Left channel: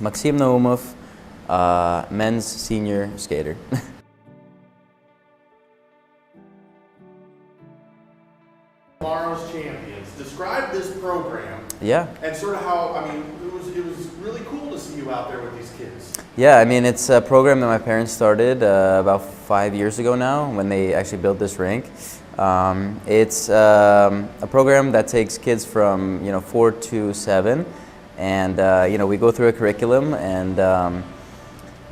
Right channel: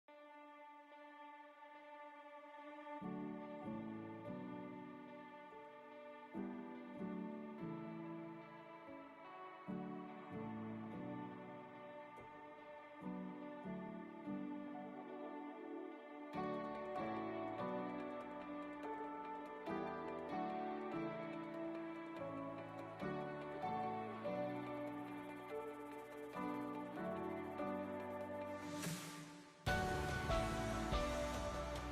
Maxim Naumov, men's senior skater. Tomorrow's champions. Describe this program. Yeah. And sort of how, I mean, it was really cool to see you out there with these kids. Yeah, I mean, it's a program that my parents started about 5 years ago now when they actually built this rink. It's a program that takes kids from 4 to 7, and we go through a curriculum and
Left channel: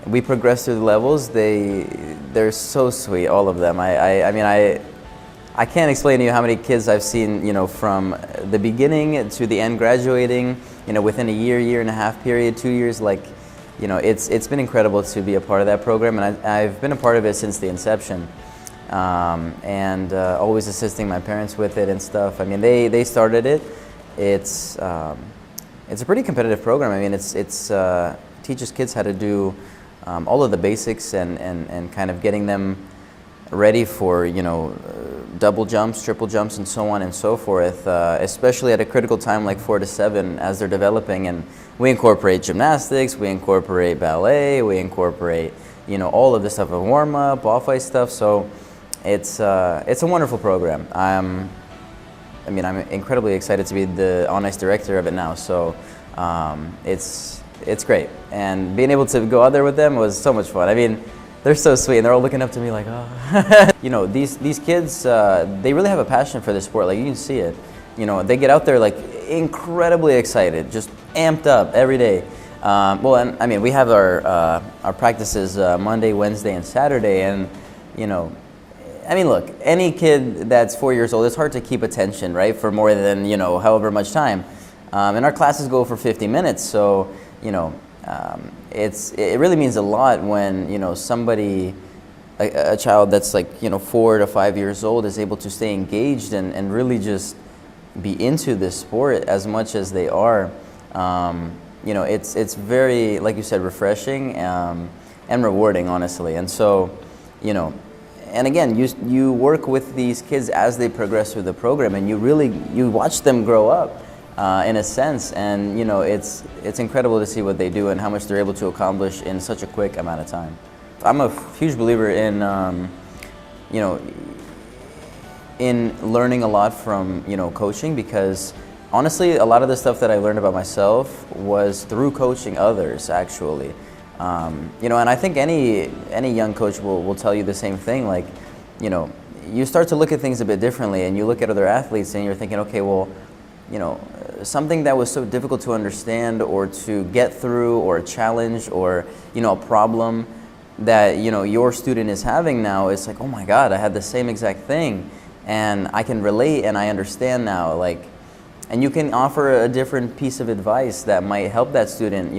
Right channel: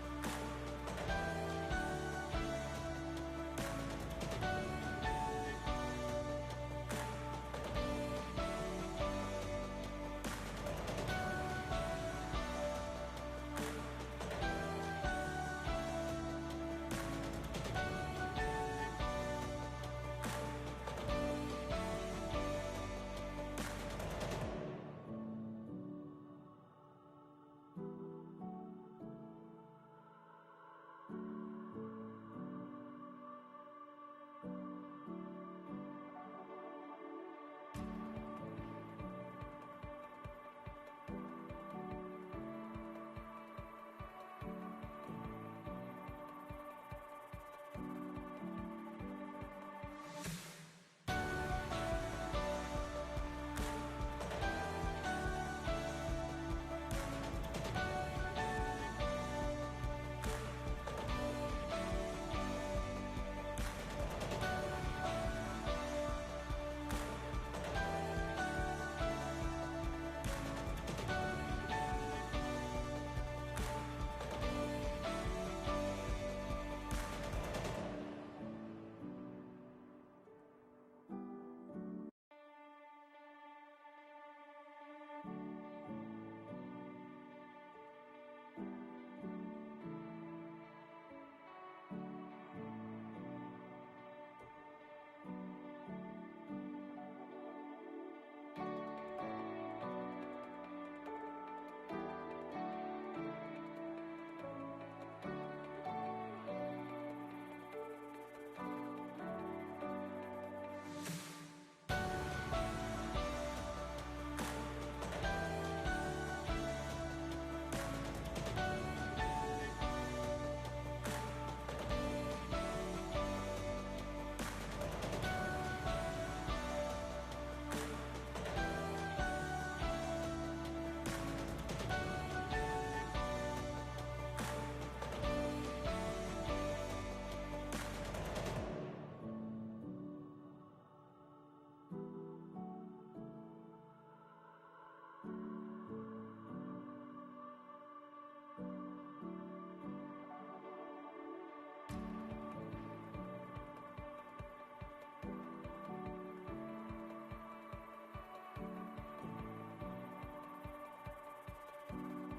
we progress through the levels. They're so sweet, all of them. I can't explain to you how many kids I've seen, from the beginning to the end, graduating, within a year and a half period, 2 years. It's been incredible to be a part of that program, and I've been a part of it since the inception, and always assisting my parents with it and stuff. I mean, they started it. It's a pretty competitive program. I mean, it's teaches kids how to do all of the basics and kind of getting them ready for double jumps, triple jumps, and so on and so forth, especially at a critical time like 4 to 7 as they're developing. And we incorporate gymnastics, we incorporate ballet, we incorporate all of this stuff, of warm-up, off-ice stuff. So it's a wonderful program. I'm incredibly excited to be the on-ice director of it now. So it's great, and being able to go out there with them was so much fun. I mean, they're so sweet, and they're all looking up to me like, oh. These kids, they really have a passion for this sport. Like, you can see it. They get out there like incredibly excited, just amped up every day. We have our practices Monday, Wednesday, and Saturday, and look, any kid that's 4 years old, it's hard to keep attention, right, for more than however much time. And our classes go for 50 minutes, so it really means a lot when somebody, a child that's like 4 to 5 years old, is able to stay engaged and really just be into this sport as much as they are. It's very, like you said, refreshing and rewarding, honestly. And so and again, you work with these kids as they progress through the program, and you watch them grow up. In a sense, and it's incredible to see what they do and how much they're able to accomplish in such a quick amount of time. I'm a huge believer in in learning a lot from coaching, because honestly, a lot of the stuff that I learned about myself was through coaching others, actually. And I think any young coach will tell you the same thing. Like, you start to look at things a bit differently, and you look at other athletes and you're thinking, okay, well, something that was so difficult to understand or to get through, or a challenge, or a problem that your student is having now, it's like, oh my God, I had the same exact thing, and I can relate and I understand now. Like, and you can offer a different piece of advice that might help that student.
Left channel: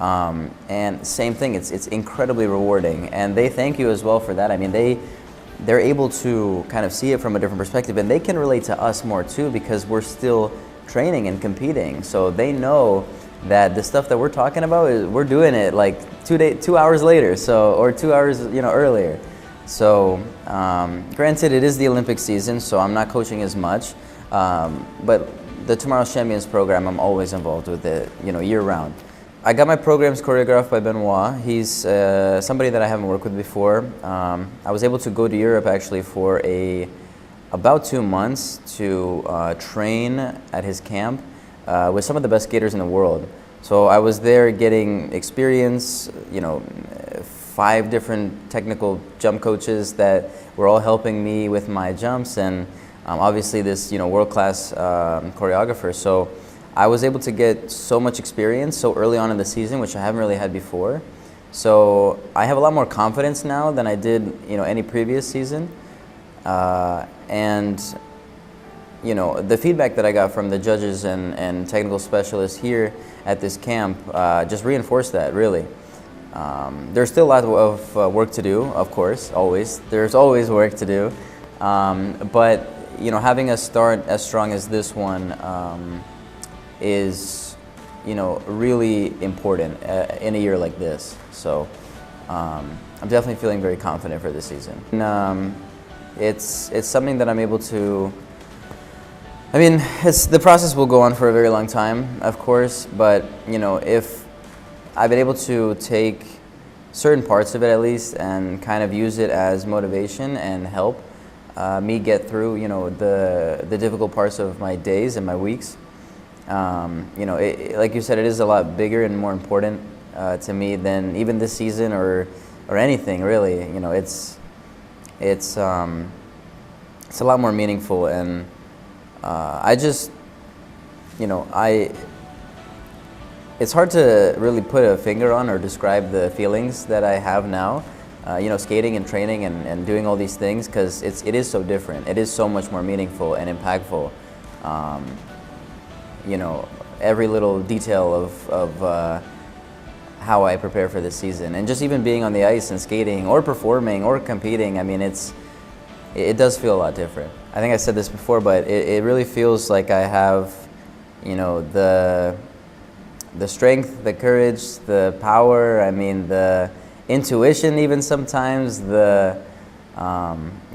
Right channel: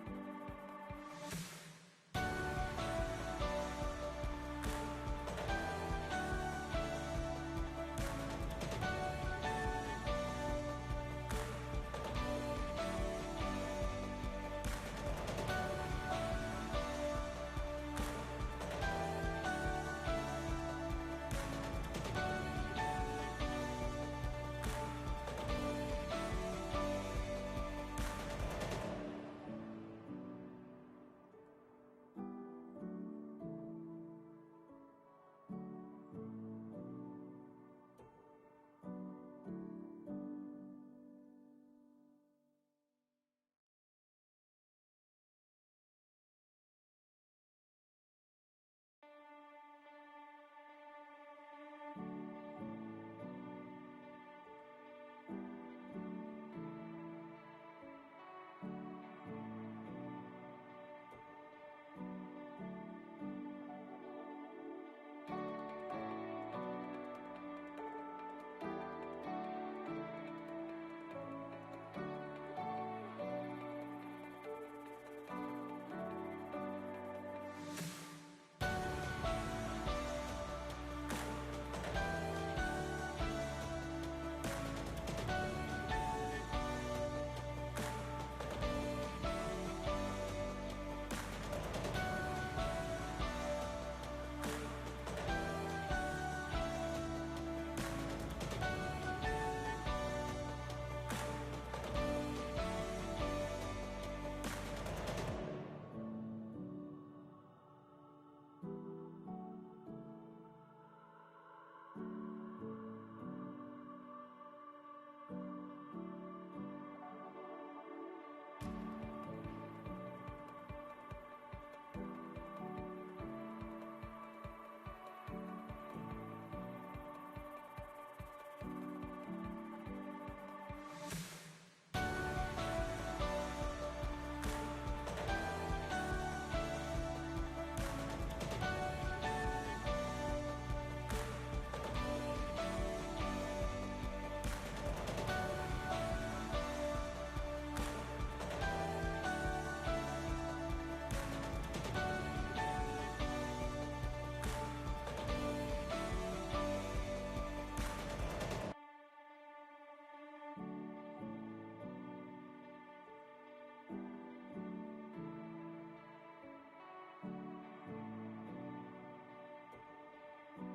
And same thing, it's incredibly rewarding, and they thank you as well for that. I mean, they're able to kind of see it from a different perspective, and they can relate to us more too, because we're still training and competing. So they know that the stuff that we're talking about, we're doing it like 2 hours later, or 2 hours earlier. So granted, it is the Olympic season, so I'm not coaching as much, but the Tomorrow's Champions program, I'm always involved with it, year round. I got my programs choreographed by Benoit. He's somebody that I haven't worked with before. I was able to go to Europe actually for about 2 months to train at his camp with some of the best skaters in the world. So I was there getting experience, 5 different technical jump coaches that were all helping me with my jumps, and obviously this world-class choreographer. So I was able to get so much experience so early on in the season, which I haven't really had before. So I have a lot more confidence now than I did, any previous season. And the feedback that I got from the judges and technical specialists here at this camp just reinforced that, really. There's still a lot of work to do, of course, always. There's always work to do. But having a start as strong as this one is, really important in a year like this. So I'm definitely feeling very confident for this season. And, it's something that I'm able to, the process will go on for a very long time, of course, but if I've been able to take certain parts of it at least and kind of use it as motivation and help me get through, you know, the difficult parts of my days and my weeks. You know, like you said, it is a lot bigger and more important to me than even this season or anything really. You know, it's a lot more meaningful, and I just, you know, it's hard to really put a finger on or describe the feelings that I have now, you know, skating and training and doing all these things, because it is so different. It is so much more meaningful and impactful. You know, every little detail of how I prepare for this season, and just even being on the ice and skating or performing or competing, I mean, it does feel a lot different. I think I said this before, but it really feels like I have, you know, the strength, the courage, the power, I mean, the intuition even sometimes, the,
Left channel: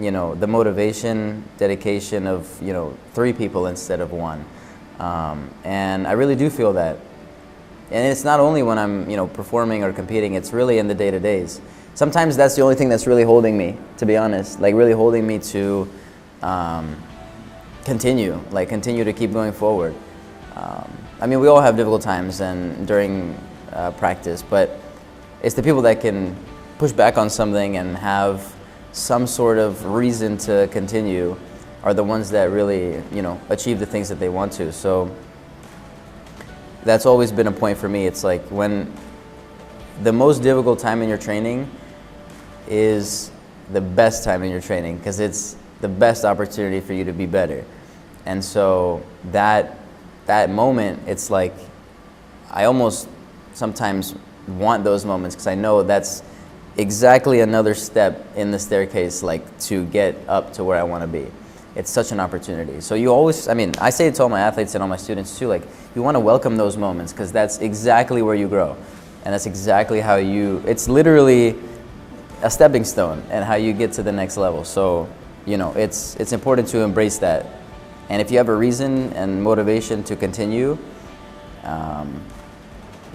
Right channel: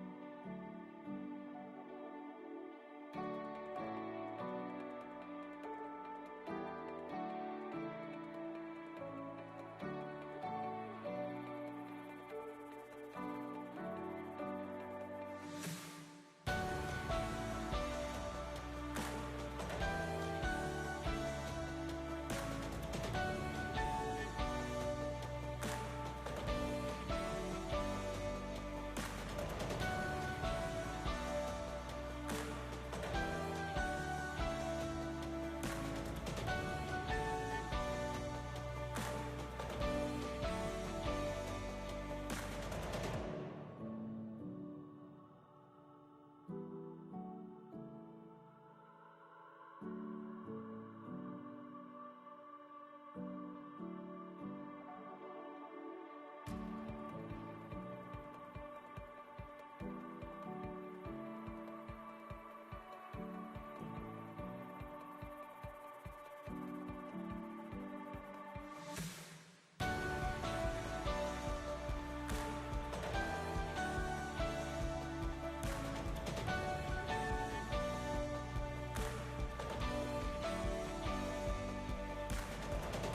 you know, the motivation, dedication of, you know, 3 people instead of 1. And I really do feel that. And it's not only when I'm, you know, performing or competing, it's really in the day-to-days. Sometimes that's the only thing that's really holding me, to be honest, like really holding me to continue to keep going forward. I mean, we all have difficult times and during practice, but it's the people that can push back on something and have some sort of reason to continue are the ones that really, you know, achieve the things that they want to. So that's always been a point for me. It's like when the most difficult time in your training is the best time in your training, because it's the best opportunity for you to be better. And so that moment, it's like I almost sometimes want those moments, because I know that's exactly another step in the staircase, like to get up to where I want to be. It's such an opportunity. So you always, I mean, I say it to all my athletes and all my students too, like you want to welcome those moments, because that's exactly where you grow. And that's exactly how it's literally a stepping stone and how you get to the next level. So, you know, it's important to embrace that. And if you have a reason and motivation to continue,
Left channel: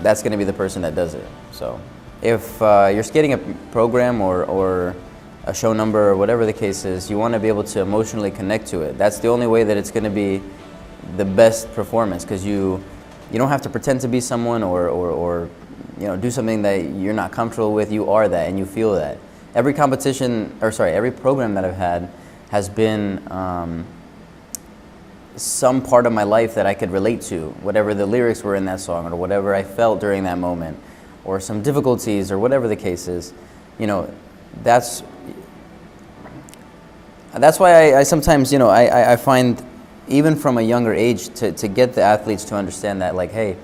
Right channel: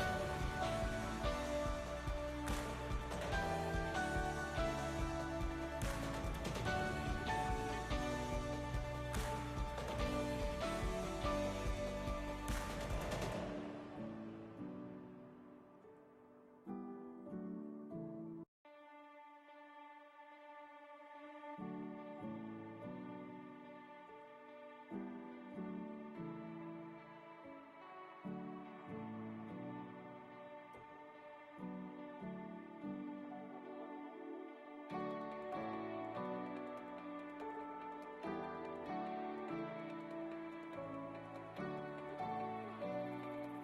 that's going to be the person that does it. So if you're skating a program or a show number or whatever the case is, you want to be able to emotionally connect to it. That's the only way that it's going to be the best performance, because you don't have to pretend to be someone or you know, do something that you're not comfortable with. You are that, and you feel that. Every competition, or sorry, every program that I've had has been some part of my life that I could relate to, whatever the lyrics were in that song or whatever I felt during that moment, or some difficulties or whatever the case is. You know, that's why I sometimes, you know, I find even from a younger age to get the athletes to understand that, like, hey,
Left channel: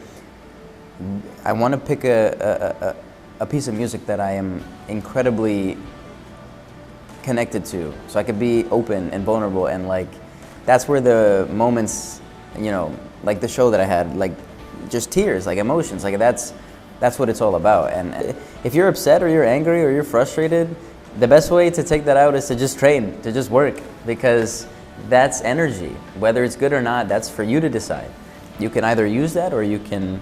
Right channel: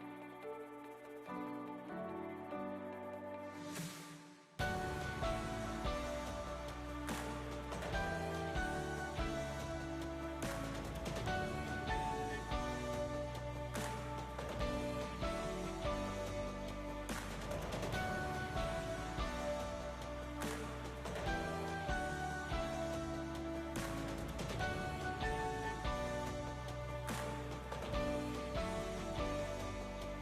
I want to pick a piece of music that I am incredibly connected to, so I could be open and vulnerable, and like that's where the moments, you know, like the show that I had, like just tears, like emotions, like that's what it's all about. And if you're upset or you're angry or you're frustrated, the best way to take that out is to just train, to just work, because that's energy. Whether it's good or not, that's for you to decide. You can either use that or you can,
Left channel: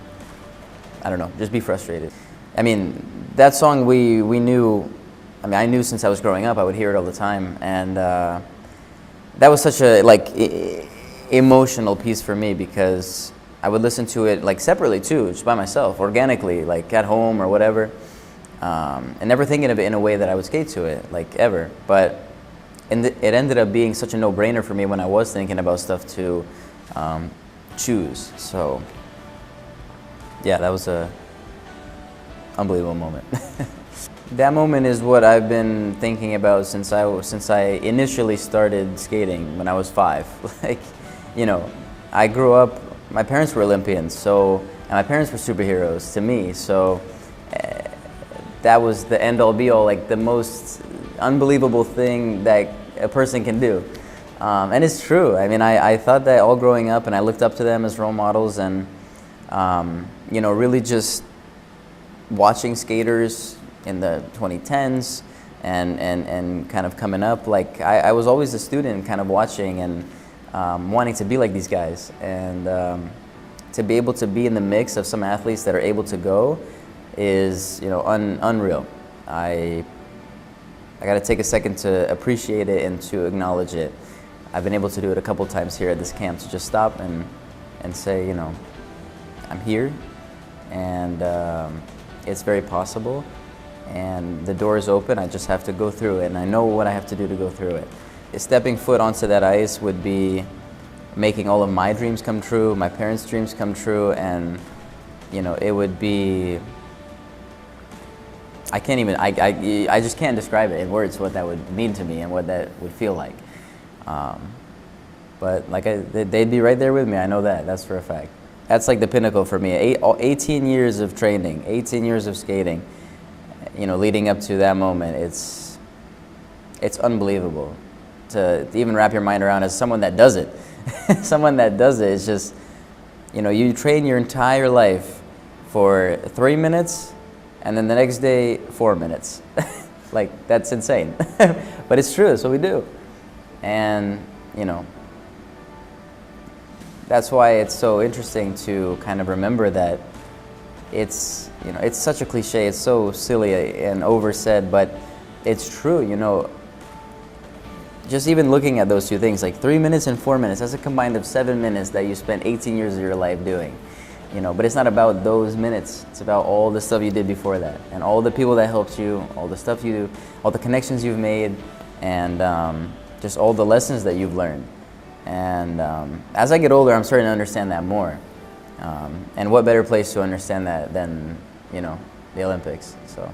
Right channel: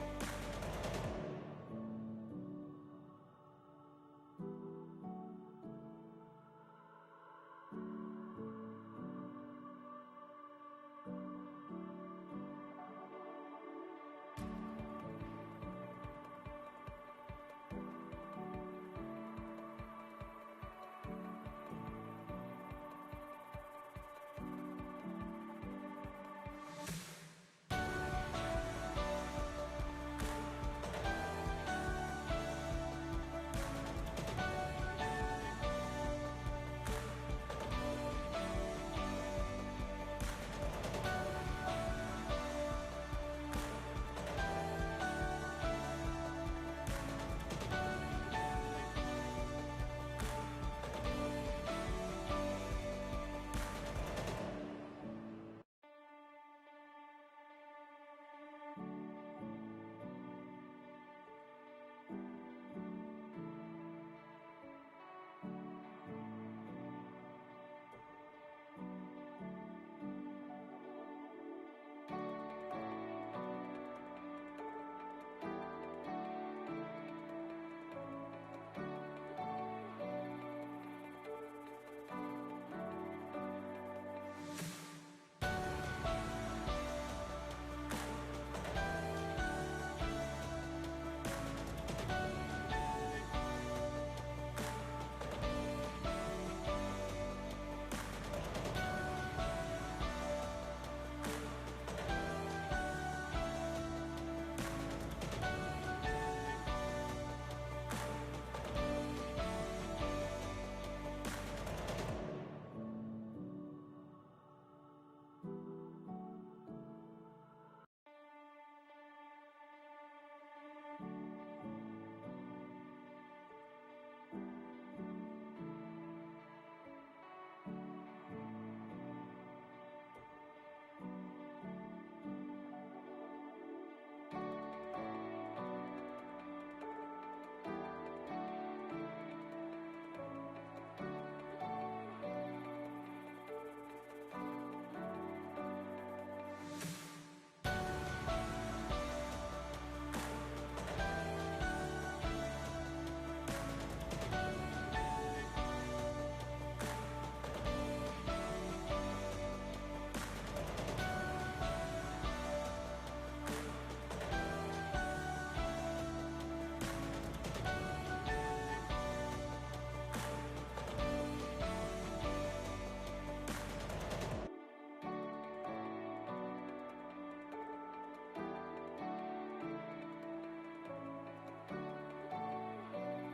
I don't know, just be frustrated. I mean, that song we knew, I mean, I knew since I was growing up, I would hear it all the time, and that was such a emotional piece for me, because I would listen to it like separately too, just by myself, organically, like at home or whatever, and never thinking of it in a way that I would skate to it, like ever. But it ended up being such a no-brainer for me when I was thinking about stuff to choose. So yeah, that was a unbelievable moment. That moment is what I've been thinking about since I initially started skating when I was 5. Like, you know, I grew up, my parents were Olympians, so, and my parents were superheroes to me, so that was the end all be all, like the most unbelievable thing that a person can do. And it's true. I mean, I thought that all growing up, and I looked up to them as role models, and you know, really just watching skaters in the 2010s and kind of coming up, like I was always a student kind of watching and wanting to be like these guys, and to be able to be in the mix of some athletes that are able to go, is, you know, unreal. I got to take a second to appreciate it and to acknowledge it. I've been able to do it a couple times here at this camp, to just stop and say, you know, I'm here, and it's very possible, and the door is open. I just have to go through it, and I know what I have to do to go through it. Stepping foot onto that ice would be making all of my dreams come true, my parents' dreams come true, and, you know, it would be, I can't even, I just can't describe it in words what that would mean to me and what that would feel like. But like they'd be right there with me. I know that. That's for a fact. That's like the pinnacle for me. 18 years of training, 18 years of skating, you know, leading up to that moment. It's unbelievable to even wrap your mind around as someone that does it. Someone that does it is just, you know, you train your entire life for 3 minutes, and then the next day 4 minutes. Like, that's insane. But it's true. That's what we do. And, you know, that's why it's so interesting to kind of remember that it's, you know, it's such a cliche, it's so silly and oversaid, but it's true, you know. Just even looking at those two things, like 3 minutes and 4 minutes, that's a combined of 7 minutes that you spent 18 years of your life doing, you know. But it's not about those minutes, it's about all the stuff you did before that, and all the people that helped you, all the stuff you do, all the connections you've made, and just all the lessons that you've learned. And as I get older, I'm starting to understand that more. And what better place to understand that than, you know, the Olympics, so.